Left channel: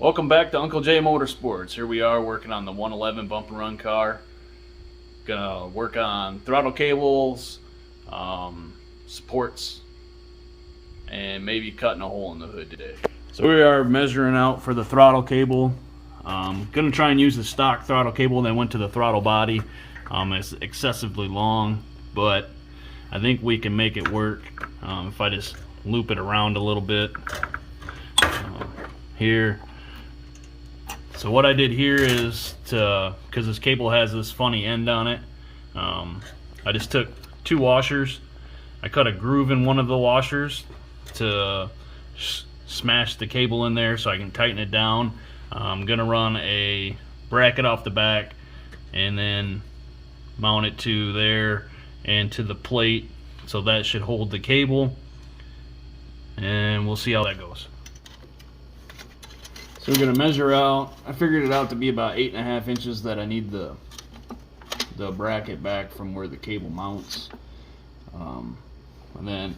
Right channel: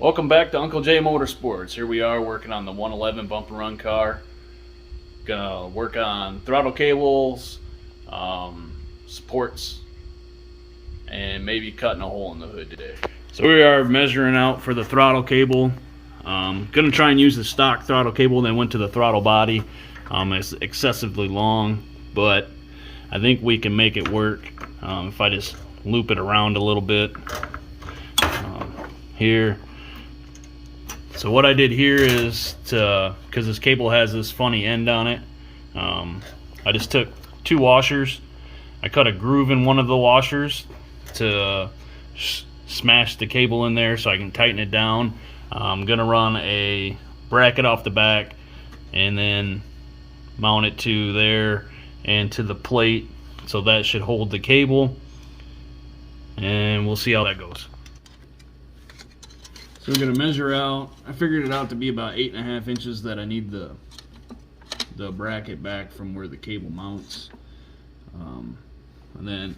Welcome back to Uncle J Motorsports. Here we are working on the 111 bump and run car. Gonna work on throttle cables, supports, and maybe cutting a hole in the hood today. So we are measuring out for the throttle cable. Gonna try and use the stock throttle cable that went to the throttle body. It's excessively long, but I think we can make it work if I just loop it around a little bit here. So what I did here is, because this cable has this funny end on it, I just took two washers. I cut a groove in one of the washers to smash the cable in there so I can tighten it down. I'm gonna run a bracket off the back and then mount it to there and to the plate, so that should hold the cable, and we'll see how that goes. So we're gonna measure out. I figured it out to be about 8.5 inches that I need the bracket back from where the cable mounts, and then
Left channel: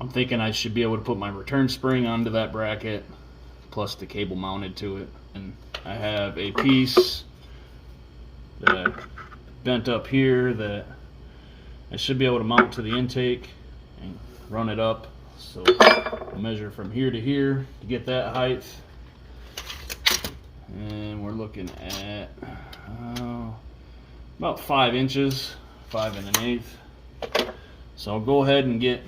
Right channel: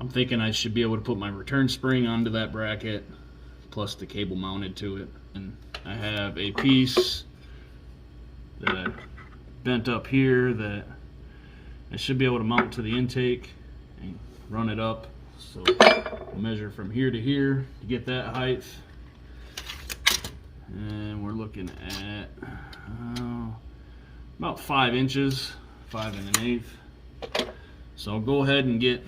I'm thinking I should be able to put my return spring onto that bracket plus the cable mounted to it. And I have a piece that bent up here that I should be able to mount to the intake and run it up. So I'll measure from here to here to get that height. And we're looking at about 5 inches, 5 1/8. So I'll go ahead and get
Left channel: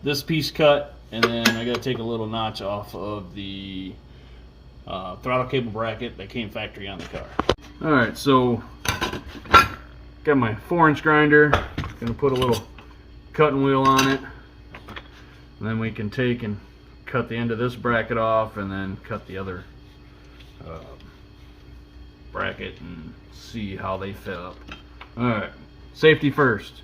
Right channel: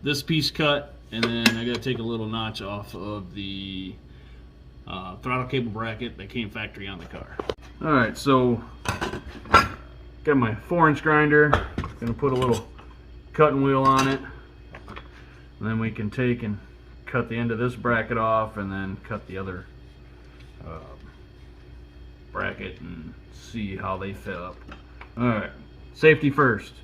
this piece cut, and then I gotta take a little notch off of the throttle cable bracket that came factory on the car. Alright, so got my 4-inch grinder. Gonna put a little cutting wheel on it, and then we can take and cut the end of this bracket off and then cut the other bracket and see how they fit up. Alright, safety first.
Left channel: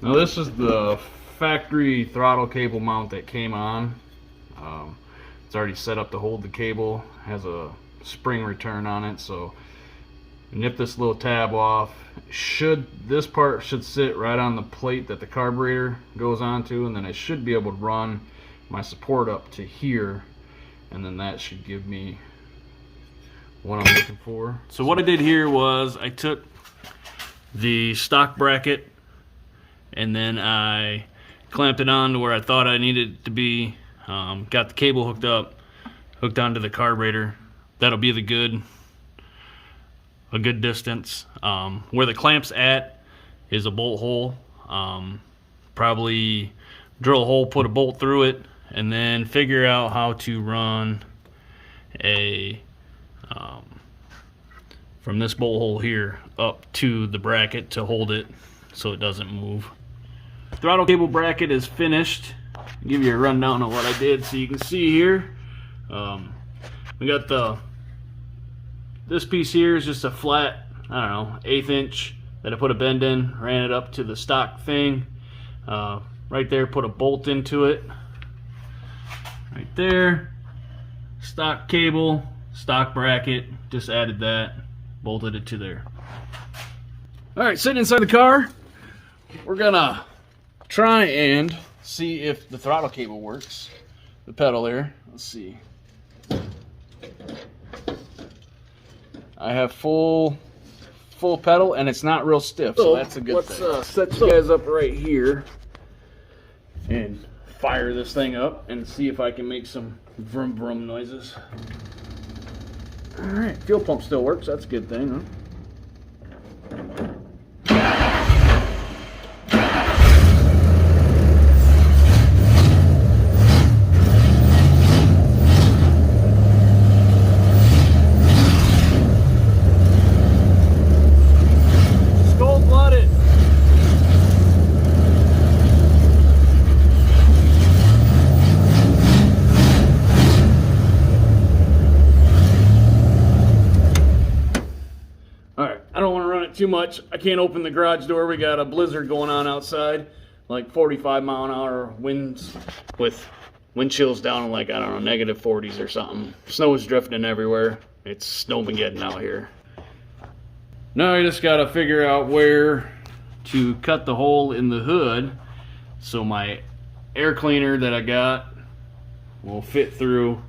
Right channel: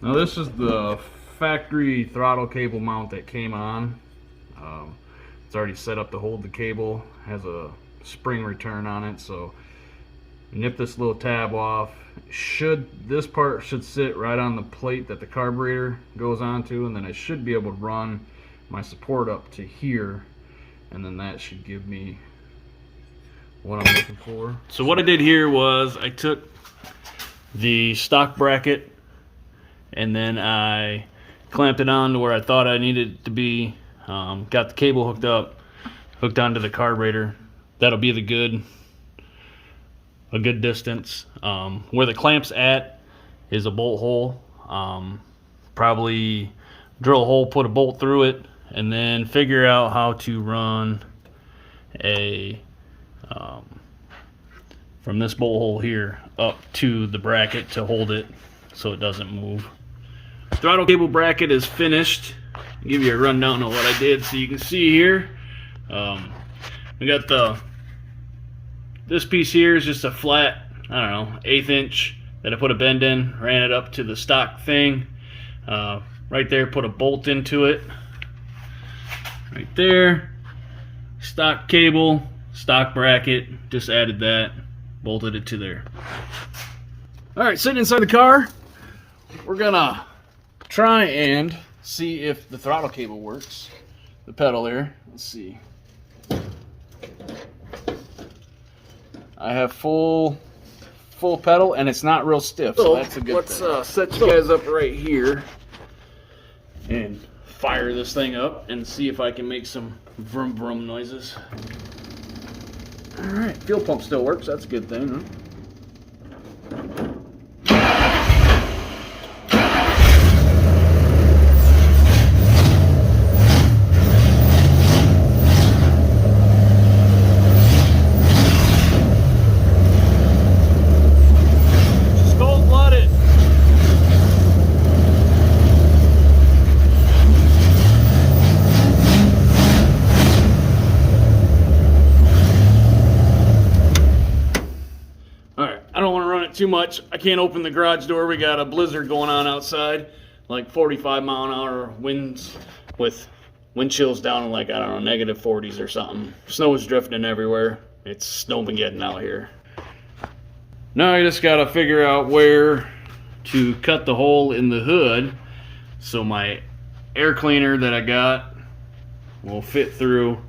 Now this is the factory throttle cable mount that came on. It's already set up to hold the cable. Has a spring return on it, so nip this little tab off. This part should sit right on the plate that the carburetor goes onto, and then I should be able to run my support up to here, and then that should give me what I'm looking for. So what I did here was I took the stock bracket and then I clamped it on to where I thought I needed it to be. Got the cable hooked onto the carburetor. That'll be a good distance. Where the clamp's at is a bolt hole. Probably drill a hole, put a bolt through it, and then figure out how to run a from this bolt hole here up to the bracket to hold it so it doesn't move. Throttle cable bracket is finished. I'll give you a rundown of what I did so you can see here. We got this piece here is just a flat, I don't know, 1/8 inch that I put a bend in, ran it up to the stock thing. Right there, put a bolt into it. Right there, stock cable, stock bracket, just added that, bolted it to there. Alright, sitting inside the car, we're gonna try and see if the throttle cable works. The pedal there, let's see. I have full pedal and it's not real stiff, so that's a good thing. Let's set you guys up right here and fire this thing up and see if I can make some vroom vroom noises. Alright, fuel pump still works, that's a good thing, huh? too much. I can't open the garage door. We got a blizzard going on outside, like 45-mile-an-hour winds with wind chills down in like, I don't know, -40s or something. Snow is drifting everywhere. It's snowmageddon out here. Now I just gotta figure out where to cut the hole in the hood so my air cleaner that I got will fit through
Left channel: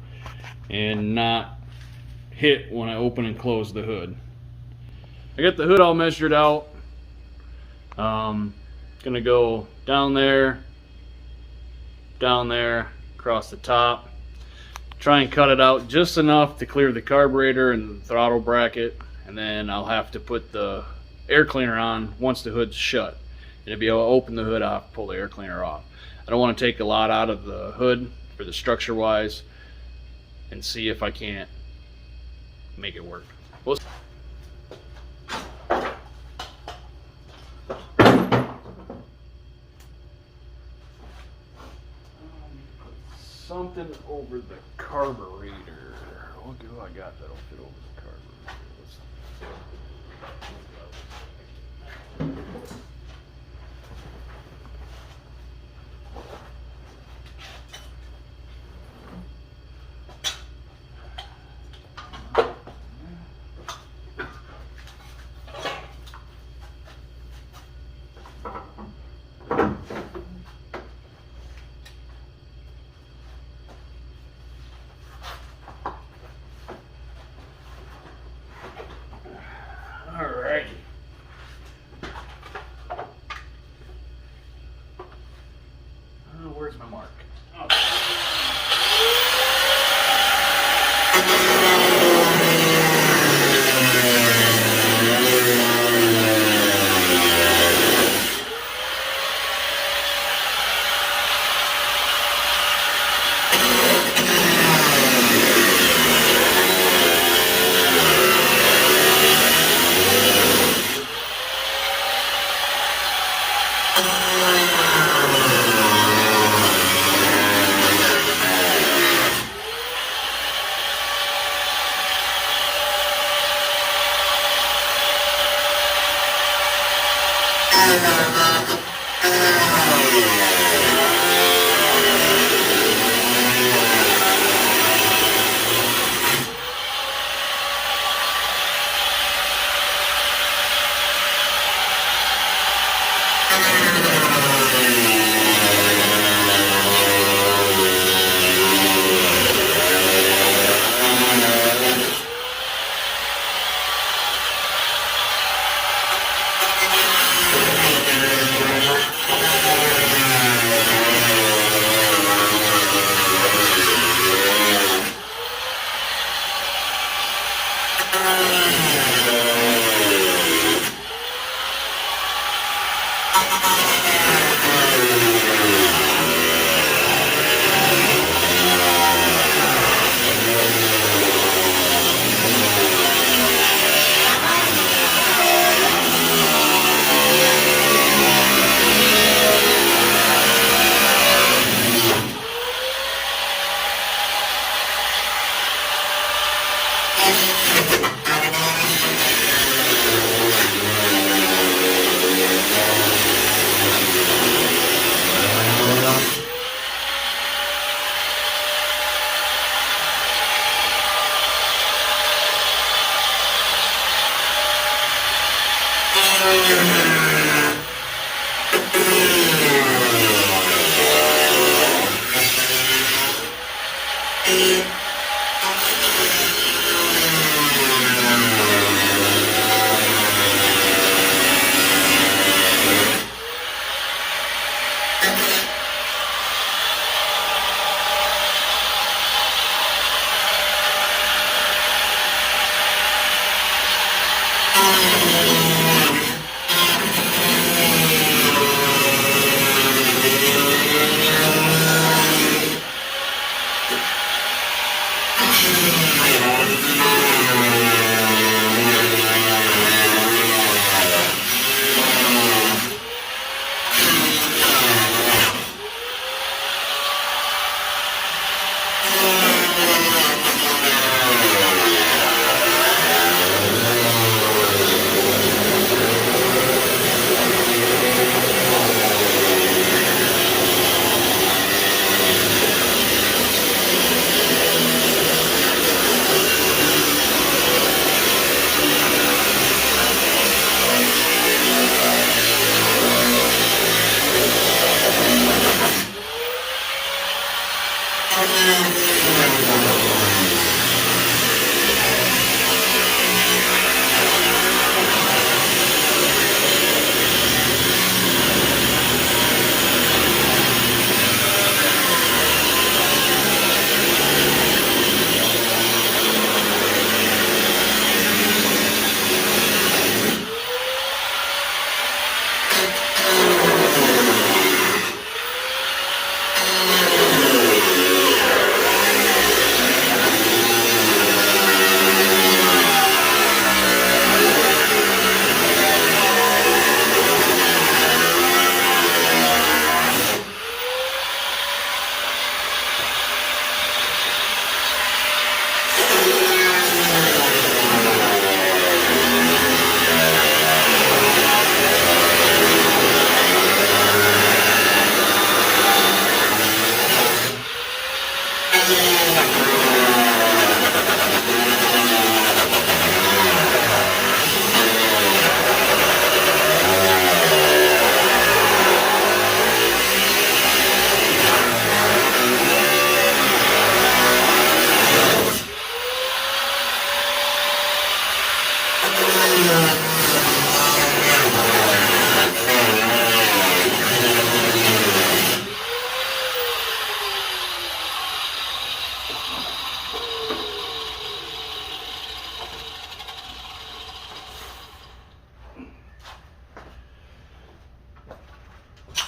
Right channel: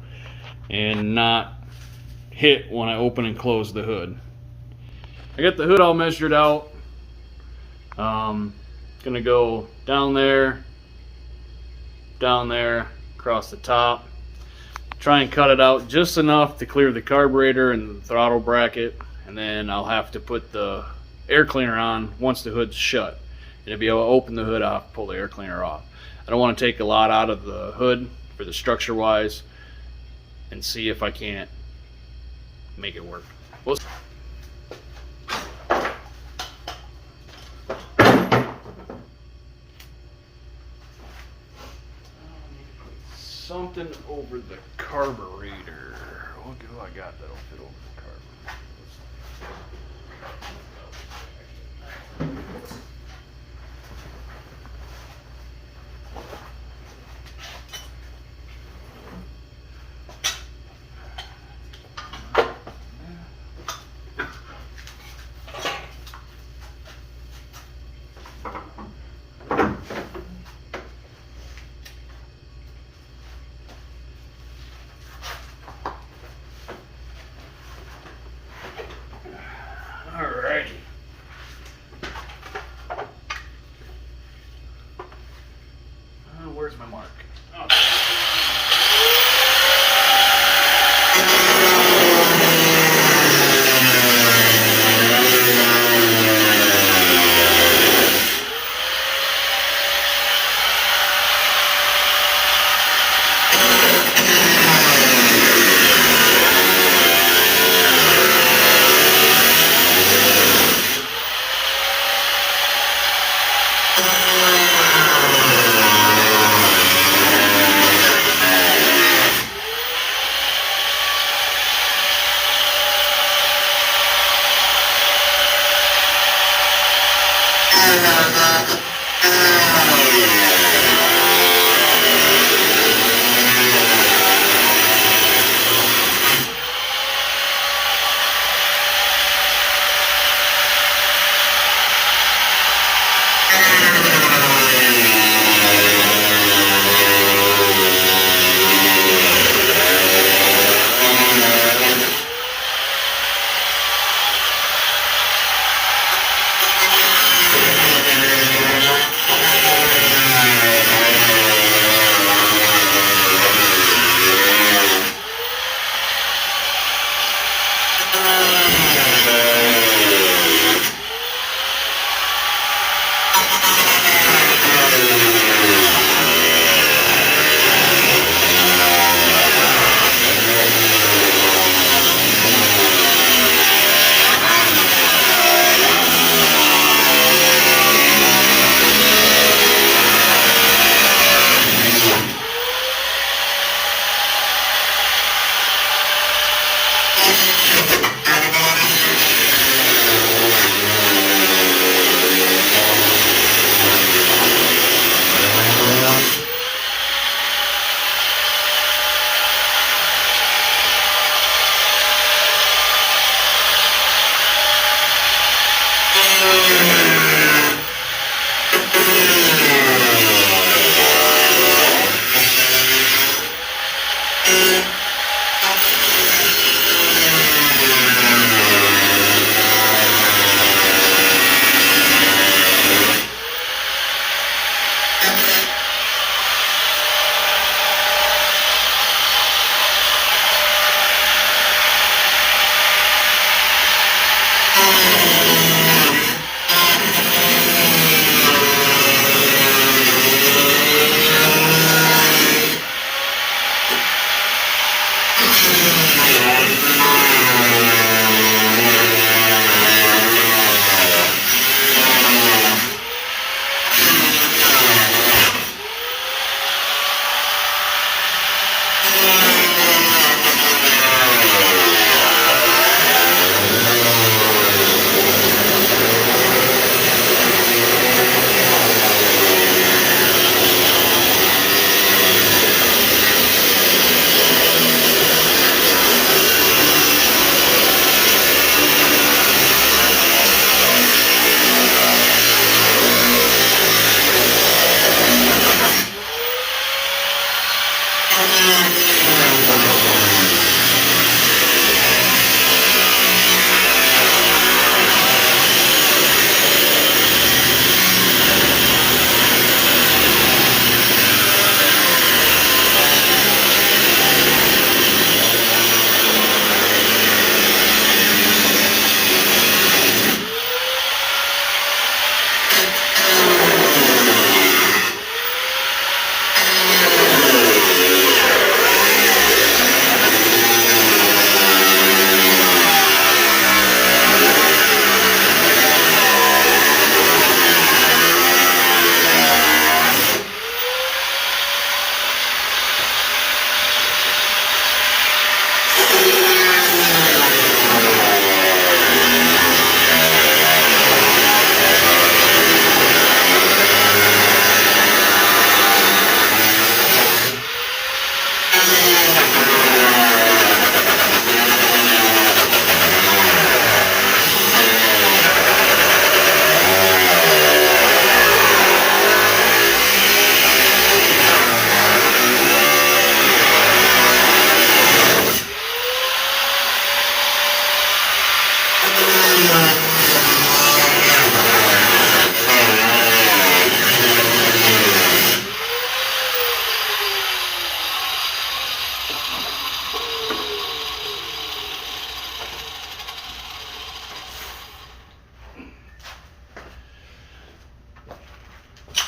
and not hit when I open and close the hood. I got the hood all measured out. Gonna go down there, across the top. Try and cut it out just enough to clear the carburetor and the throttle bracket, and then I'll have to put the air cleaner on once the hood's shut. And I'll be able to open the hood off, pull the air cleaner off. I don't want to take a lot out of the hood for the structure wise, and see if I can't make it work. Something over the carburetor. What do I got that'll fit over the carburetor? Alrighty. Where's my mark? Okay.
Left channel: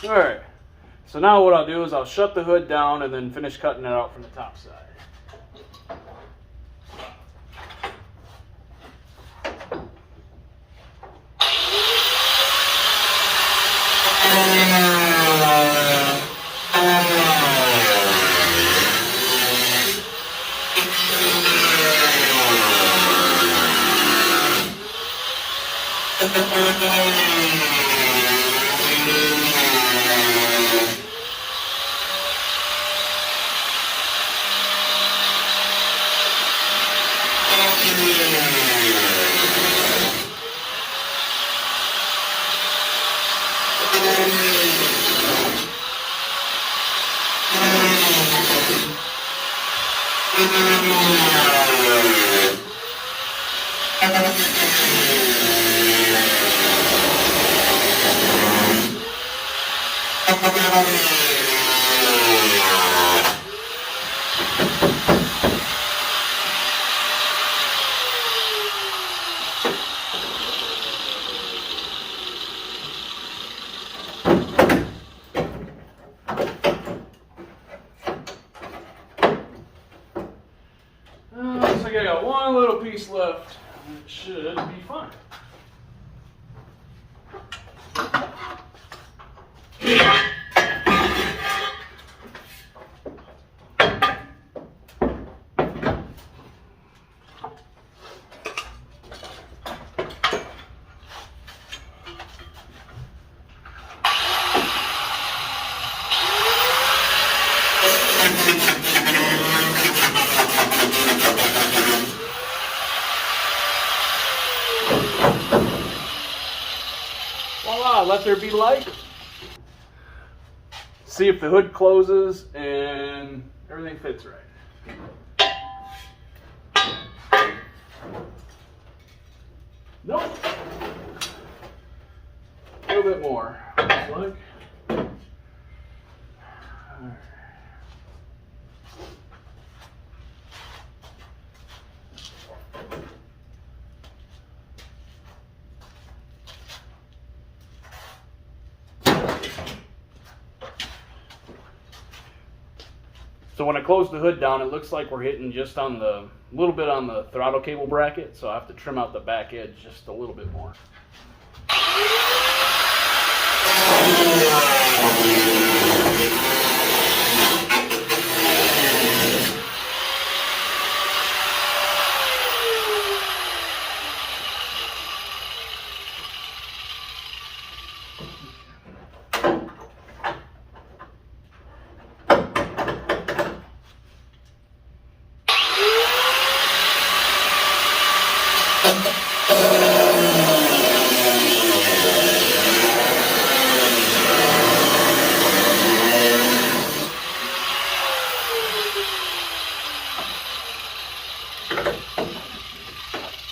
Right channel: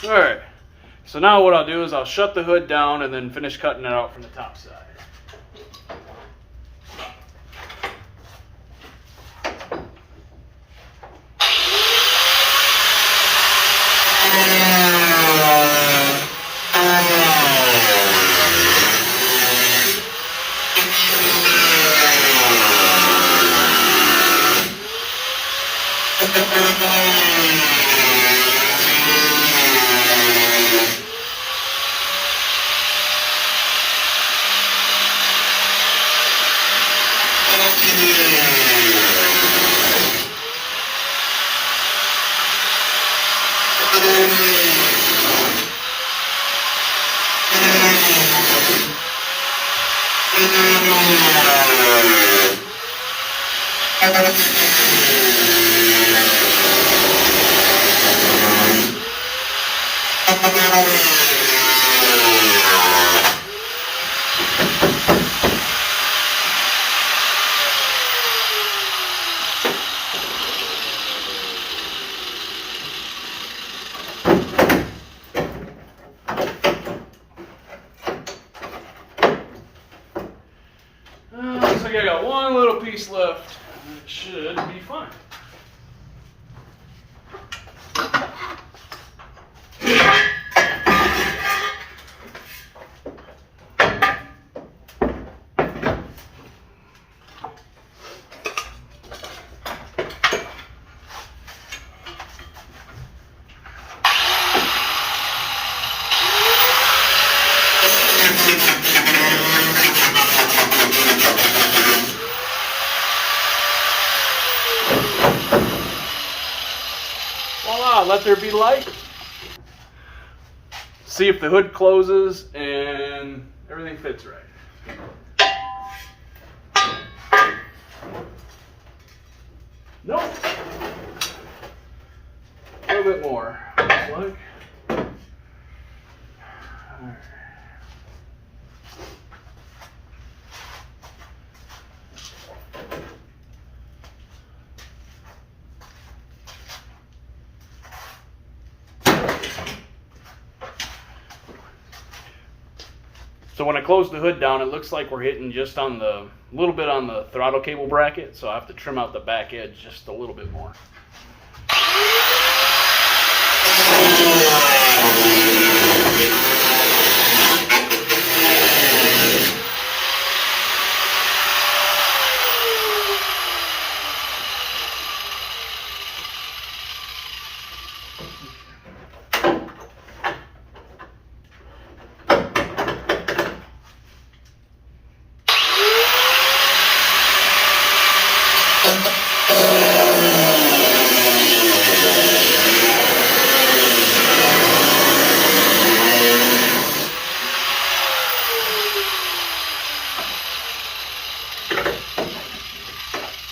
Alright, so now what I'll do is I'll shut the hood down and then finish cutting it out from the top side. Looks like I got one little piece left. It should be fine. Voila, let there be light. See if the hood closes and everything fits right. Nope. A little bit more, looks like. All right. So when I close the hood down, it looks like we're hitting just on the little bit on the throttle cable bracket, so I have to trim out the back edge just a little bit more.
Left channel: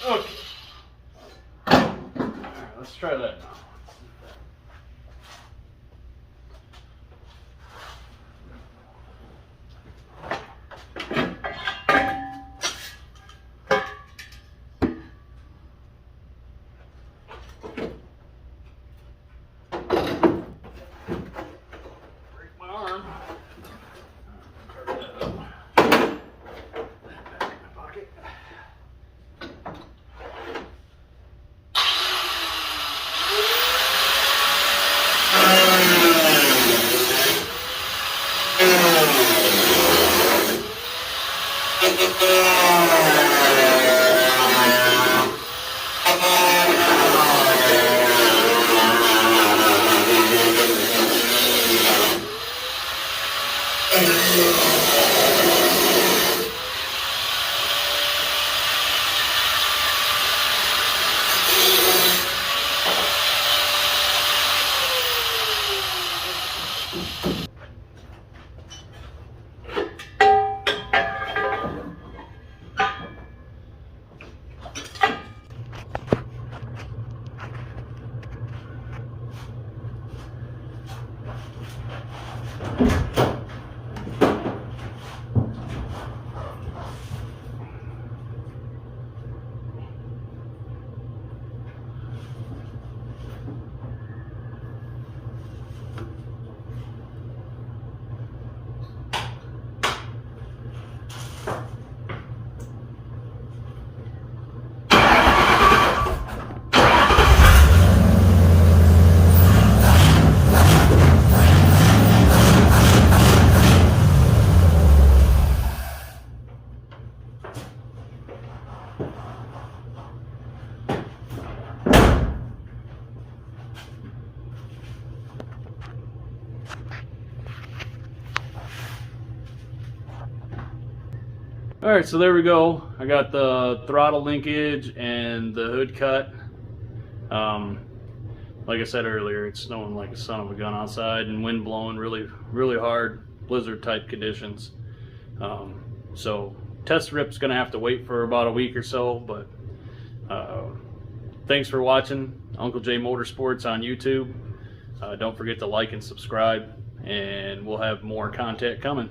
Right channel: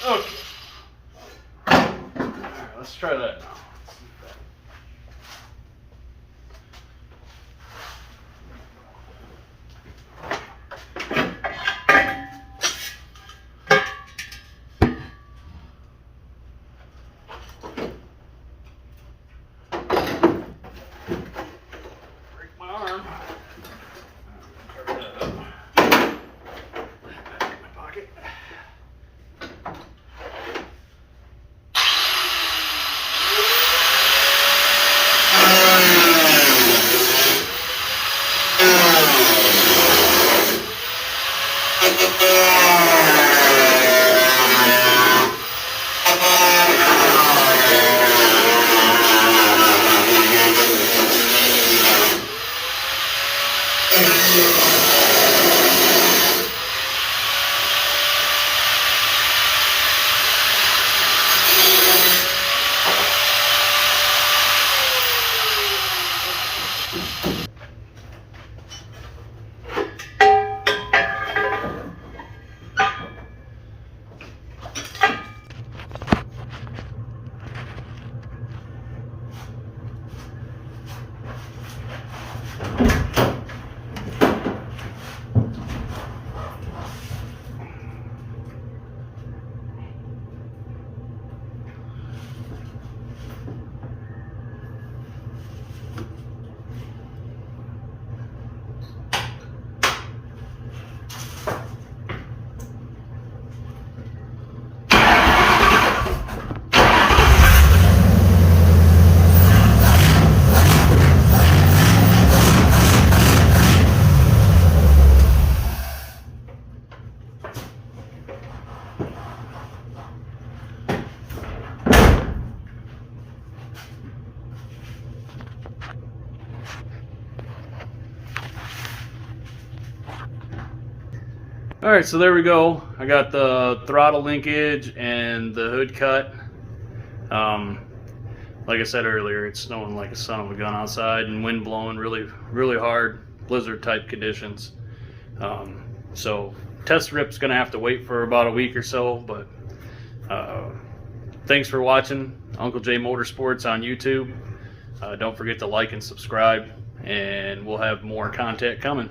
Okay. Alright, let's try that now. Break my arm. Cover that up. Put it back in my pocket. All right, so there we go. I got the throttle linkage and the hood cut. Like I said earlier, it's snowing like a son of a gun outside and wind blowing really hard, blizzard type conditions. So test rip's gonna have to wait for about a week or so, but thanks for watching Uncle J Motorsports on YouTube. Don't forget to like and subscribe, and we'll have more content coming.